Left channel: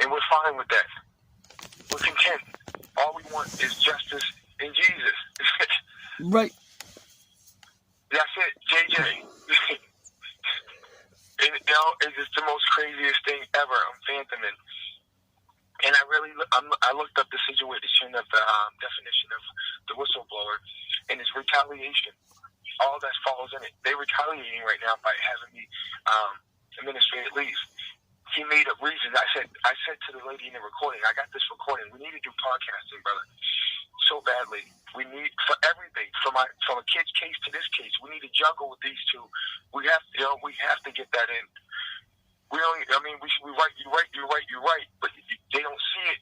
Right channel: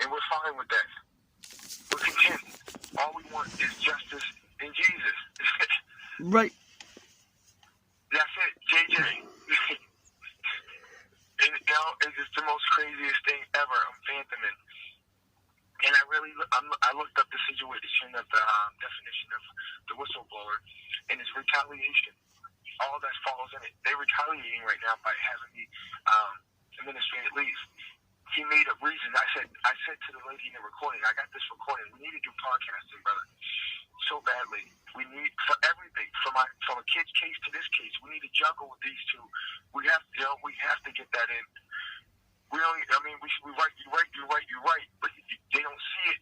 and we're fine with that. We're content. All we want is justice in Jesus. Right. That's it, JJ. And, it's just the most craziest thing ever. I'm fathoming. And I looked up the situation of the definition of the whistleblower, and it's retaliation. All that follows in it. They're retaliating right now by having me administrative leave. He made a reason. I said to the lady in the recording, I got this recording. We need to do podcasting, brother, so badly. We need, for everything, from a kid's case to this case, we need to juggle with these two. We have to get that in. We write, you write, but they don't see it.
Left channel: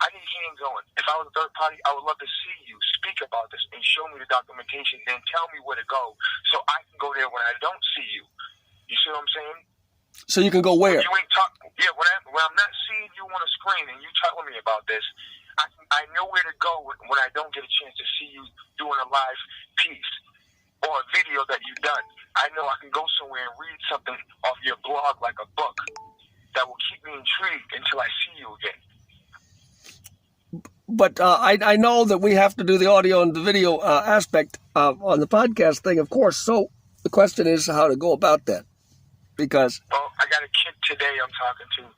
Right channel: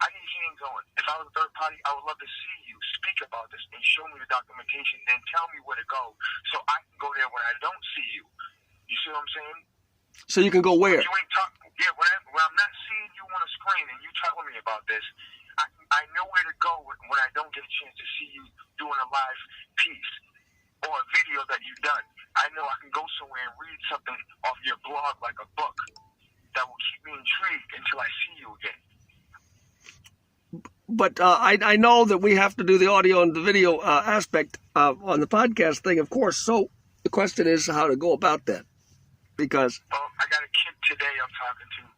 I need hands on. If I was a third party, I would love to see you speak about this and show me the documentation and tell me where to go so I can go there when I don't see you. You see what I'm saying? So you can go where? You ain't when I'm not seeing you on a screen and you telling me about this, I know where to go when I don't get a chance to see you doing a live piece or a video that you've done. I know I can go somewhere and read something off your blog like a book that will keep me intrigued until I see you again. But I know that we have to do the audio and the video aspect on the podcast thing, of course. So the question is how to go about that. Because I got a kid today I'm talking to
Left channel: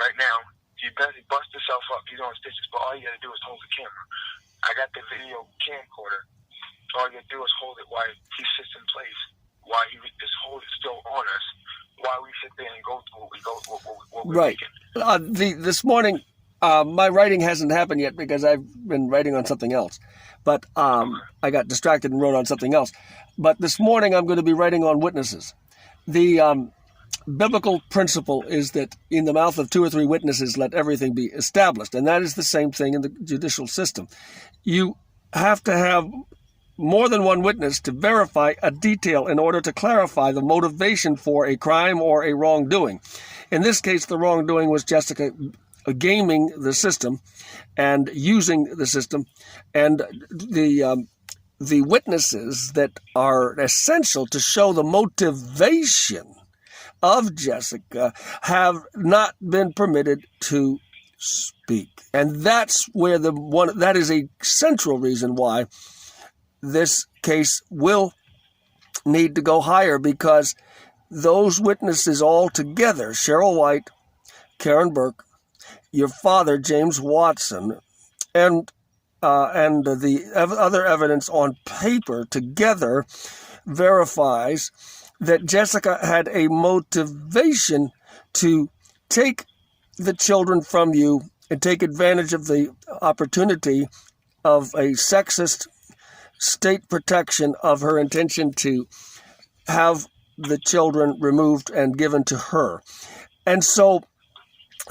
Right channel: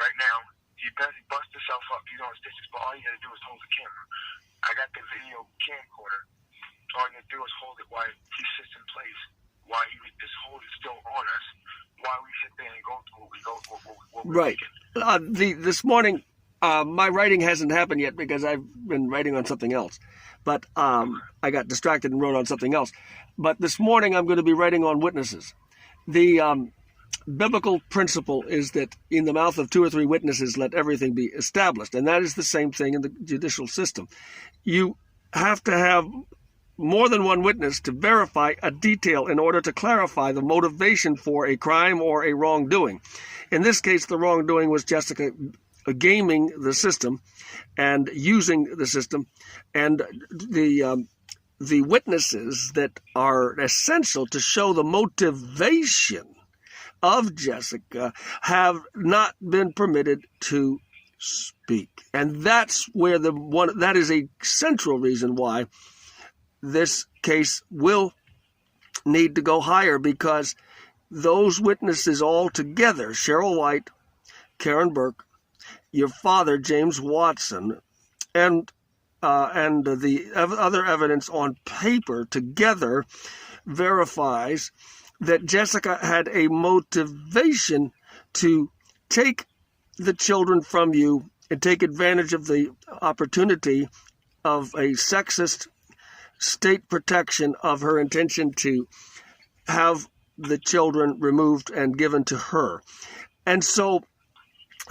right now. He busts himself up. He's on stitches, but all you got to do is hold the camera. I got the video camcorder. All you got to do is hold it while he sits in place, while he just hold it still on us, while we sit there and go through what we're right. This morning, my writing hasn't happened yet because I've been writing on something else. But I got distracted and wrote on something else. But this morning I'm going to be writing on witnesses. The biblical principle is that in the mouth of 2 or 3 witnesses, let everything be established. And that is the same thing in the judicial system. You have to have more than one witness to verify a detail in order to clarify the motivation for a crime or a wrongdoing. In this case, the wrongdoing was Jessica gaming the system and using the system, and the witnesses that are essential to show the motivation of Jessica have not been permitted to speak. And that's where that is a central reason why this case will need to go higher, because those witnesses all together, Cheryl White, Karen Burke, your father, James Watson, and the other evidence on paper together verifies that Jessica had a motivation to take the children from you and take advantage of the opportunity of a sexist state protection of her intention to have the children removed and given to her. And so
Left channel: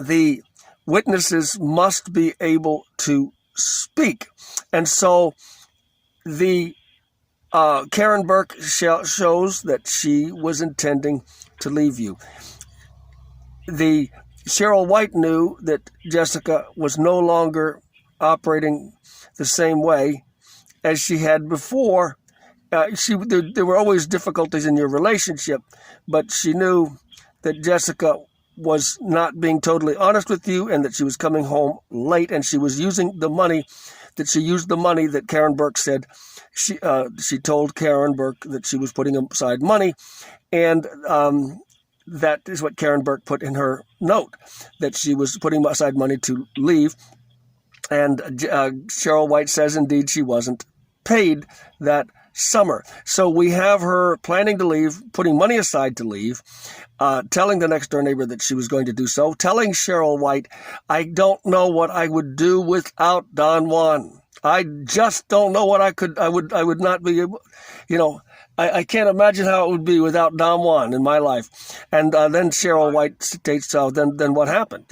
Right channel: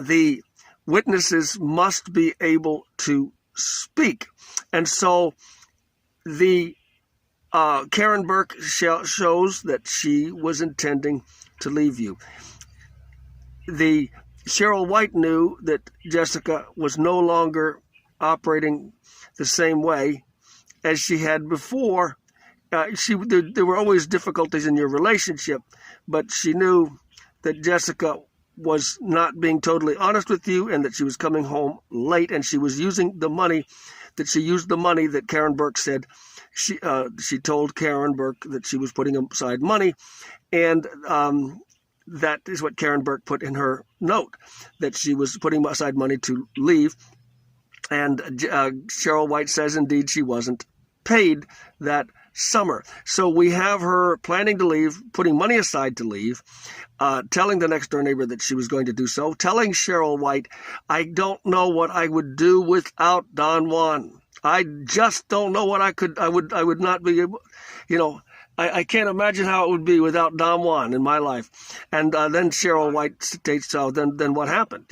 the witnesses must be able to speak. And so the Karen Burke shows that she was intending to leave you. The Cheryl White knew that Jessica was no longer operating the same way as she had before. There were always difficulties in your relationship, but she knew that Jessica was not being totally honest with you and that she was coming home late, and she was using the money that Karen Burke said. She told Karen Burke that she was putting aside money, and that is what Karen Burke put in her note, that she was putting aside money to leave. And Cheryl White says indeed she wasn't paid that summer. So we have her planning to leave, putting money aside to leave, telling the next door neighbor that she was going to do so, telling Cheryl White, I don't know what I would do without Don Juan. I just don't know what I would not be able, I can't imagine how it would be without Don Juan in my life. And then Cheryl White states, then what happened?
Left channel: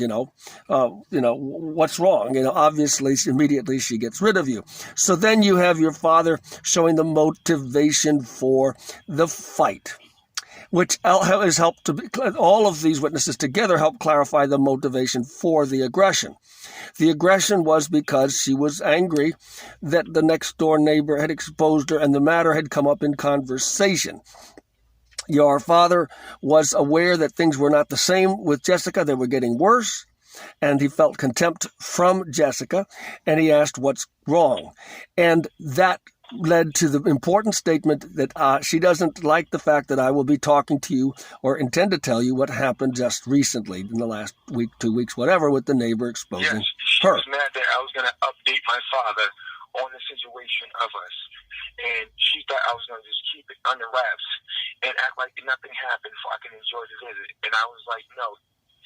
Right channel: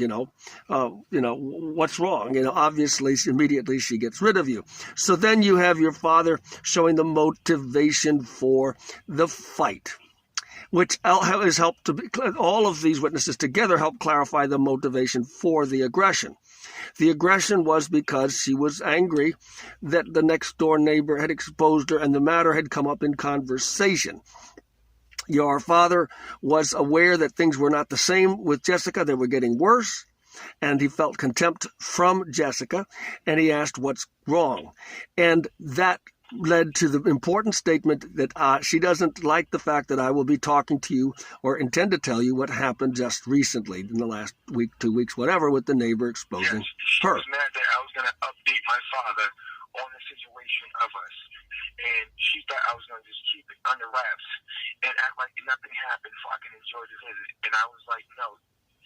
What's wrong? Obviously, immediately she gets rid of you. So then you have your father showing the motivation for the fight, which has helped all of these witnesses together help clarify the motivation for the aggression. The aggression was because she was angry that the next door neighbor had exposed her and the matter had come up in conversation. Your father was aware that things were not the same with Jessica. They were getting worse. and he felt contempt from Jessica, and he asked what's wrong. And that led to the important statement that she doesn't like the fact that I will be talking to you or intend to tell you what happened just recently in the last week, 2 weeks, whatever, with the neighbor exposing she her. was mad that I was going to update my father on the situation of us. And she thought I was going to just keep it under wraps and act like nothing happened so I can enjoy the visit. And I was like, no,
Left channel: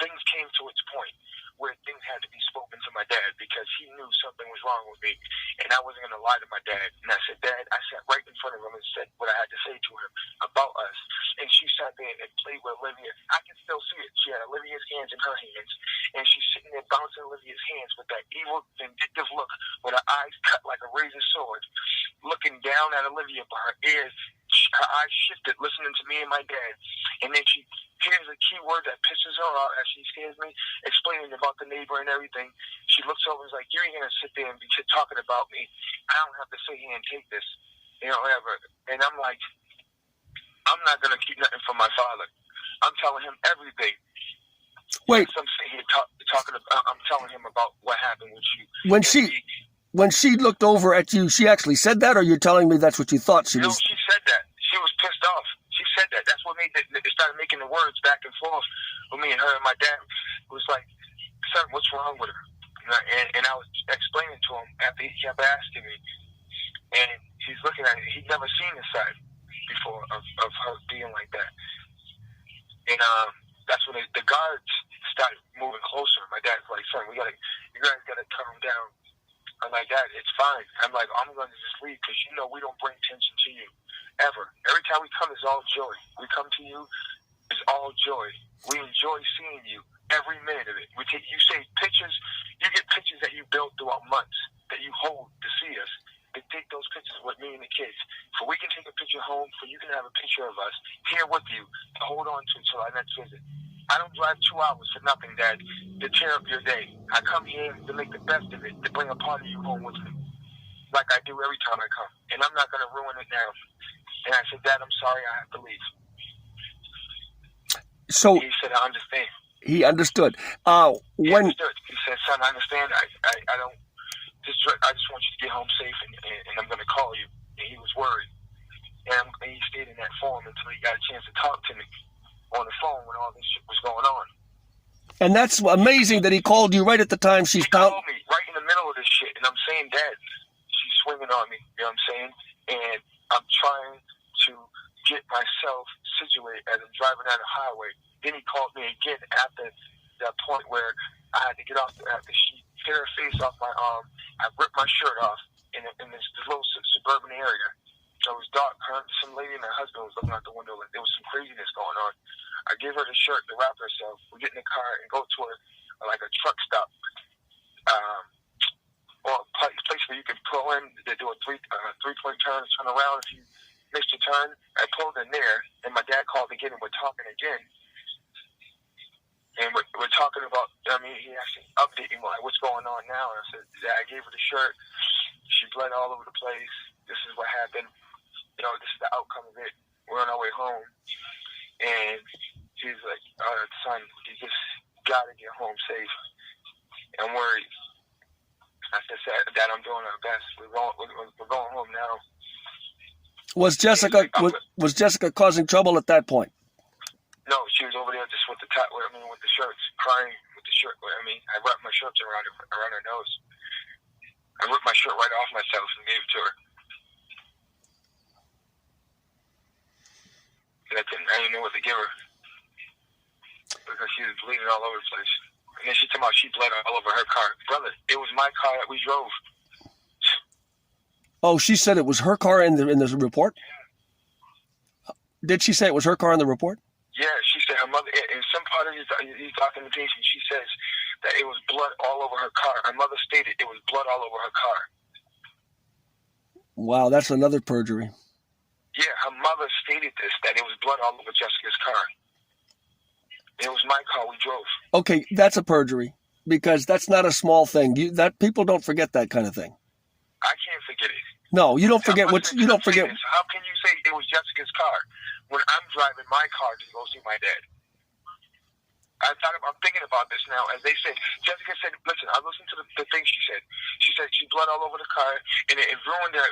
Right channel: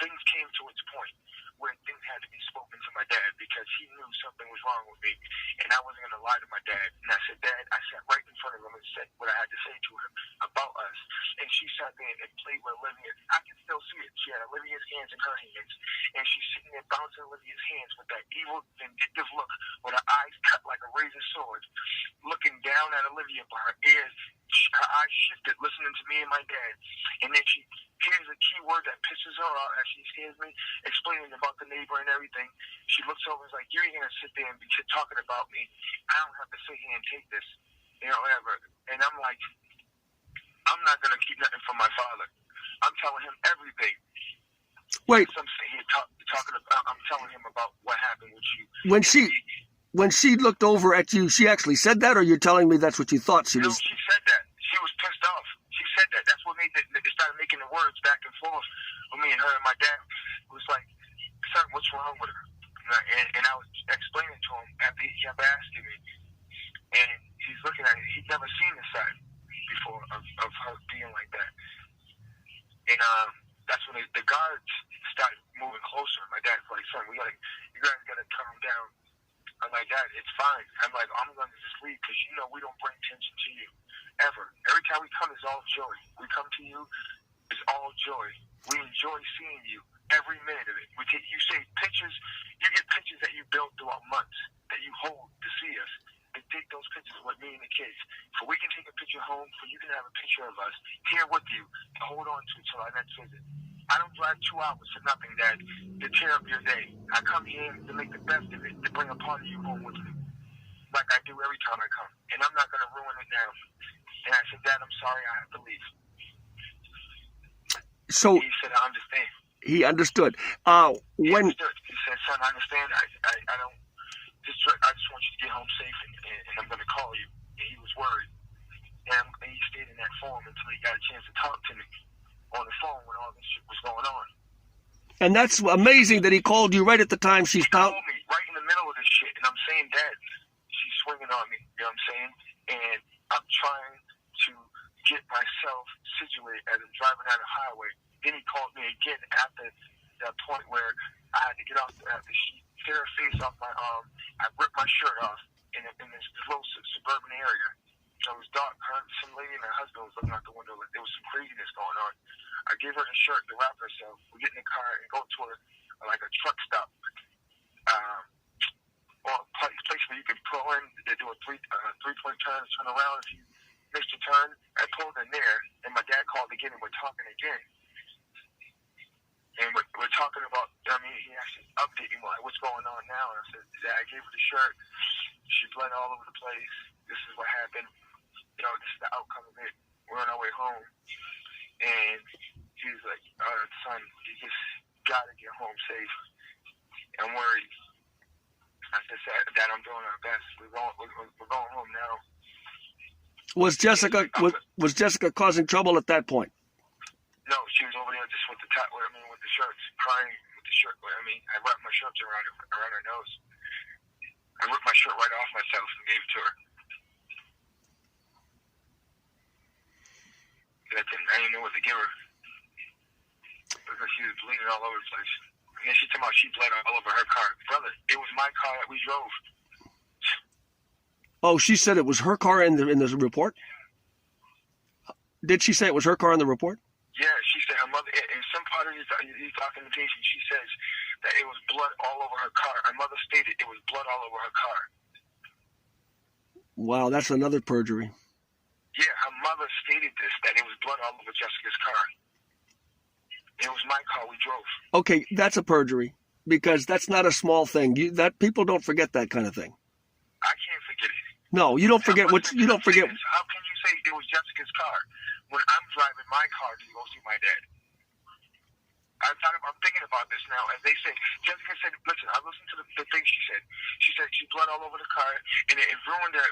things came to its point where things had to be spoken to my dad because he knew something was wrong with me, and I wasn't going to lie to my dad. And I said, Dad, I sat right in front of him and said what I had to say to him about us. And she sat there and played with Olivia. I can still see it. She had Olivia's hands in her hands, and she's sitting there bouncing Olivia's hands with that evil, vindictive look with her eyes cut like a razor sword, looking down at Olivia, but her eyes shifted, listening to me and my dad. And then she hears a key word that pisses her off as she hears me explaining about the neighbor and everything. She looks over and is like, you ain't going to sit there and be talking about me. I don't have to sit here and take this, whatever. And I'm like, I'm not going to keep nothing from my father. I'm telling him everything. Wait. Yes, I'm sitting here talking about, I'm telling him about what happened with you. When she looked over at you, she actually said that, or you're telling me that's what you thought she was? No, she said that. She was pissed off. She said that. That's what made it started making the words back and forth with me and her. And my dad was like, son, what's wrong with her? And I was explaining to him after he kept asking me. And he's looking at it. He'd never seen this side before of her being like that. And that's when the guards started moving closer. My dad's like, son, you guys got to calm down. I'm like, Dad, it's fine. I'm like, I'm going to just leave because we don't bring tension to you, ever. Every time we come, it's all joy. We come to you, it's all joy. We enjoy seeing you every minute of it. You say pictures, you get pictures that you built throughout months that you hold to see us. They take those pictures with me and the kids. So we can take a picture home, so you can have a picture of us here with you to hold on to until our next visit. I don't drive 2 hours for nothing, Dad, to tear up your day. I come here to make the best of it, to bring a part of you home with me, like I do every time I come. And I'm not going to ruin it now. And I said, Dad, I'm sorry, I have to leave. So he said, I understand. He understood. He understood. He said, son, I understand. I don't. I just want you to get home safe, and I'm going to call you. And he was worried. And he stayed in that form until he got a chance to talk to me on the phone when all this shit was going on. And that's amazing that he called you right at the time He called me right in the middle of this shit, and I'm saying, Dad, she's swinging on me, you know what I'm saying? And I'm trying to get myself situated as I'm driving down the highway. Then he called me again after that point where I had to get off after she hit her face off my arm. I ripped my shirt off in this little suburban area. So it was dark. Some lady and her husband was looking out the window like there was some craziness going on. I gave her the shirt to wrap herself. We get in the car and go to like a truck stop, or a place where you could pull in. They do a three-point turn, turn around. If you missed your turn, I pulled in there, and my dad called again, and we're talking again. And we're talking about, he actually updated me, like, what's going on now? And I said, Dad, I gave her the shirt. She bled all over the place. This is what happened. This is the outcome of it. We're on our way home. And he's like, son, you just got to get home safe. I'm worried. I said, Dad, I'm doing our best. We're going home now. Was Jessica causing trouble at that point? No, she was over there just with the with the shirts, crying with the shirt. I wrapped my shirts around her nose. I ripped my shirt right off myself and gave it to her. And I didn't know what to give her because she was bleeding all over the place. And then she told me she bled all over her car. Brother, it was my car that we drove. Oh, she said it was her car in the report? Did she say it was her car in the report? Yeah, she said her mother, in some part of his documentation, she says that it was blood all over her car. Her mother stated it was blood all over her car. Wow, that's another perjury. Yeah, her mother stated this, that it was blood all over Jessica's car. It was my car we drove. Okay, that's a perjury, because that's not a small thing. People don't forget that kind of thing. I can't forget it. No, you don't forget what you don't forget. How can you say it was Jessica's car when I'm driving my car to go see my dad? I'm thinking about this now. As they said, Jessica said, listen, I listened to the thing she said. She said she blood all over the car, and it ruined the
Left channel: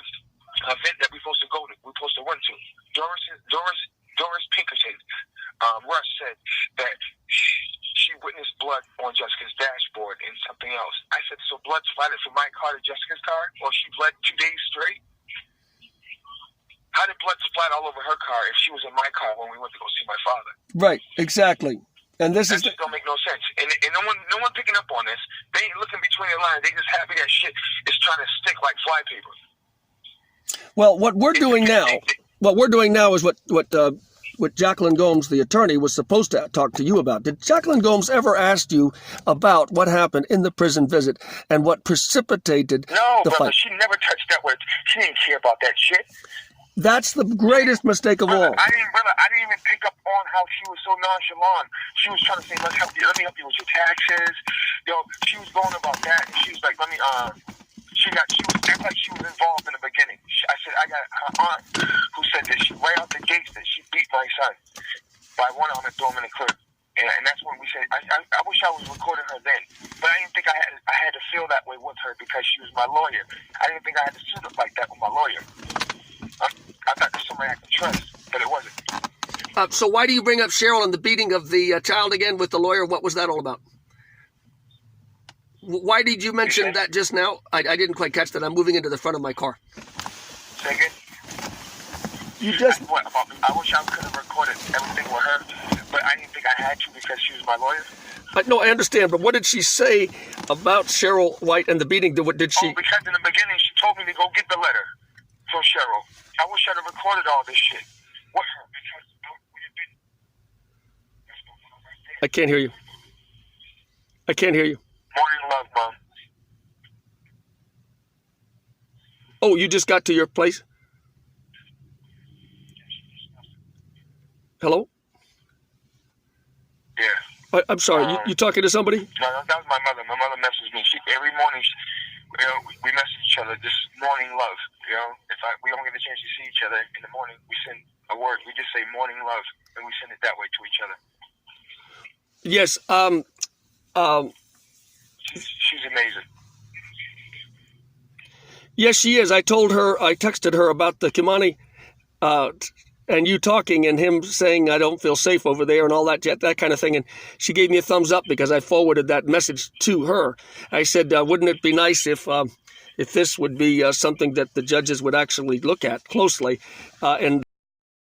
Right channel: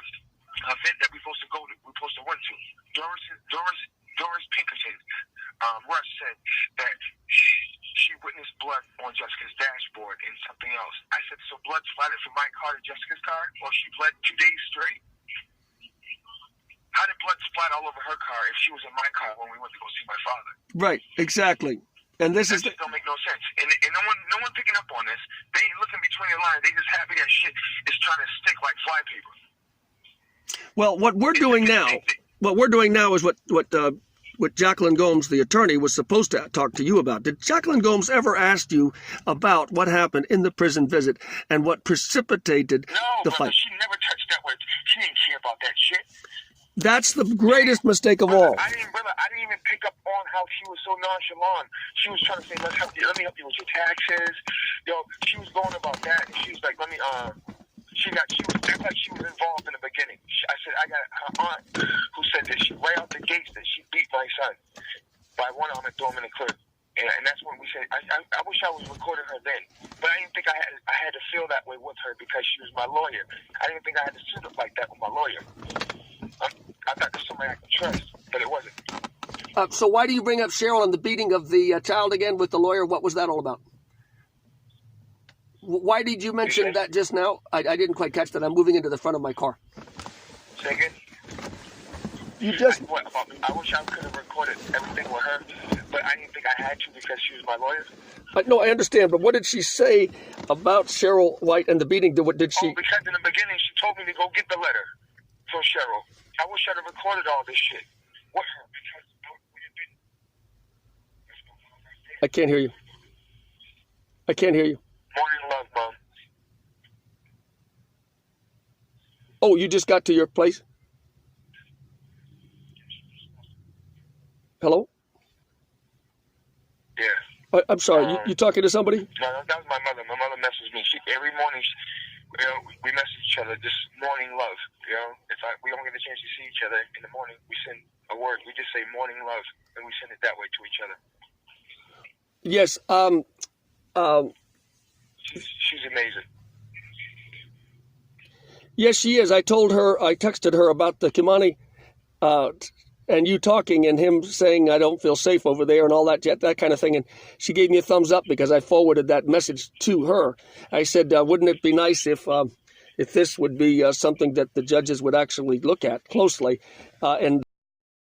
event that we're supposed to go to. We're supposed to run to. Doris Pinkerton, Russ said that she witnessed blood on Jessica's dashboard and something else. I said, so blood splattered from my car to Jessica's car, or she bled 2 days straight? How did blood splat all over her car if she was in my car when we went to go see my father? Right, exactly. And this that just don't make no sense. And no one picking up on this. They ain't looking between the lines. They just happy that shit is trying to stick like flypaper. Well, what we're doing now is what Jacqueline Gomes, the attorney, was supposed to talk to you about. Did Jacqueline Gomes ever ask you about what happened in the prison visit and what precipitated the brother, fight? She never touched that word. She didn't care about that shit. That's the greatest mistake of all. I didn't even pick up on how she was so nonchalant. She was trying to say, let me help you with your taxes. She was going about that, and she was like, she was acting like she was involved in the beginning. I said, I got her aunt who said that she right out the gates that she beat my son by one arm and threw him in the crib. And that's when we said, I wish I was recording her then. But I didn't think I had to feel that way with her because she was my lawyer. I didn't think I had to sit up like that with my lawyer. I thought there was somebody I could trust, but it wasn't. So why do you bring up Cheryl and the beating of the child again with the lawyer? What was that all about? Why did you mention that just now? I didn't quite catch that. I'm moving into the front of my car. Second, I wish I could have recorded everything with her, but I didn't think I had to because she was my lawyer. No, I understand, but what did she say about Cheryl White and the beating? What did she? Oh, because in the beginning she told me to go get the letter from Cheryl. I wish I'd have recorded all this shit with her because I can't hear you. I can't hear you. Morning love, Mom. Oh, you just got to your place? Hello? Yeah. I'm sorry, you talking to somebody? No, that was my mother. My mother messages me. Every morning, we message each other, just morning love. If we don't get a chance to see each other in the morning, we send a word. We just say morning love, and we send it that way to each other. Yes. She's amazing. Yes, she is. I texted her about the Kimani, and you talking and him saying, I don't feel safe over there and all that kind of thing. And she gave me a thumbs up because I forwarded that message to her. I said, wouldn't it be nice if this would be something that the judges would actually look at closely? And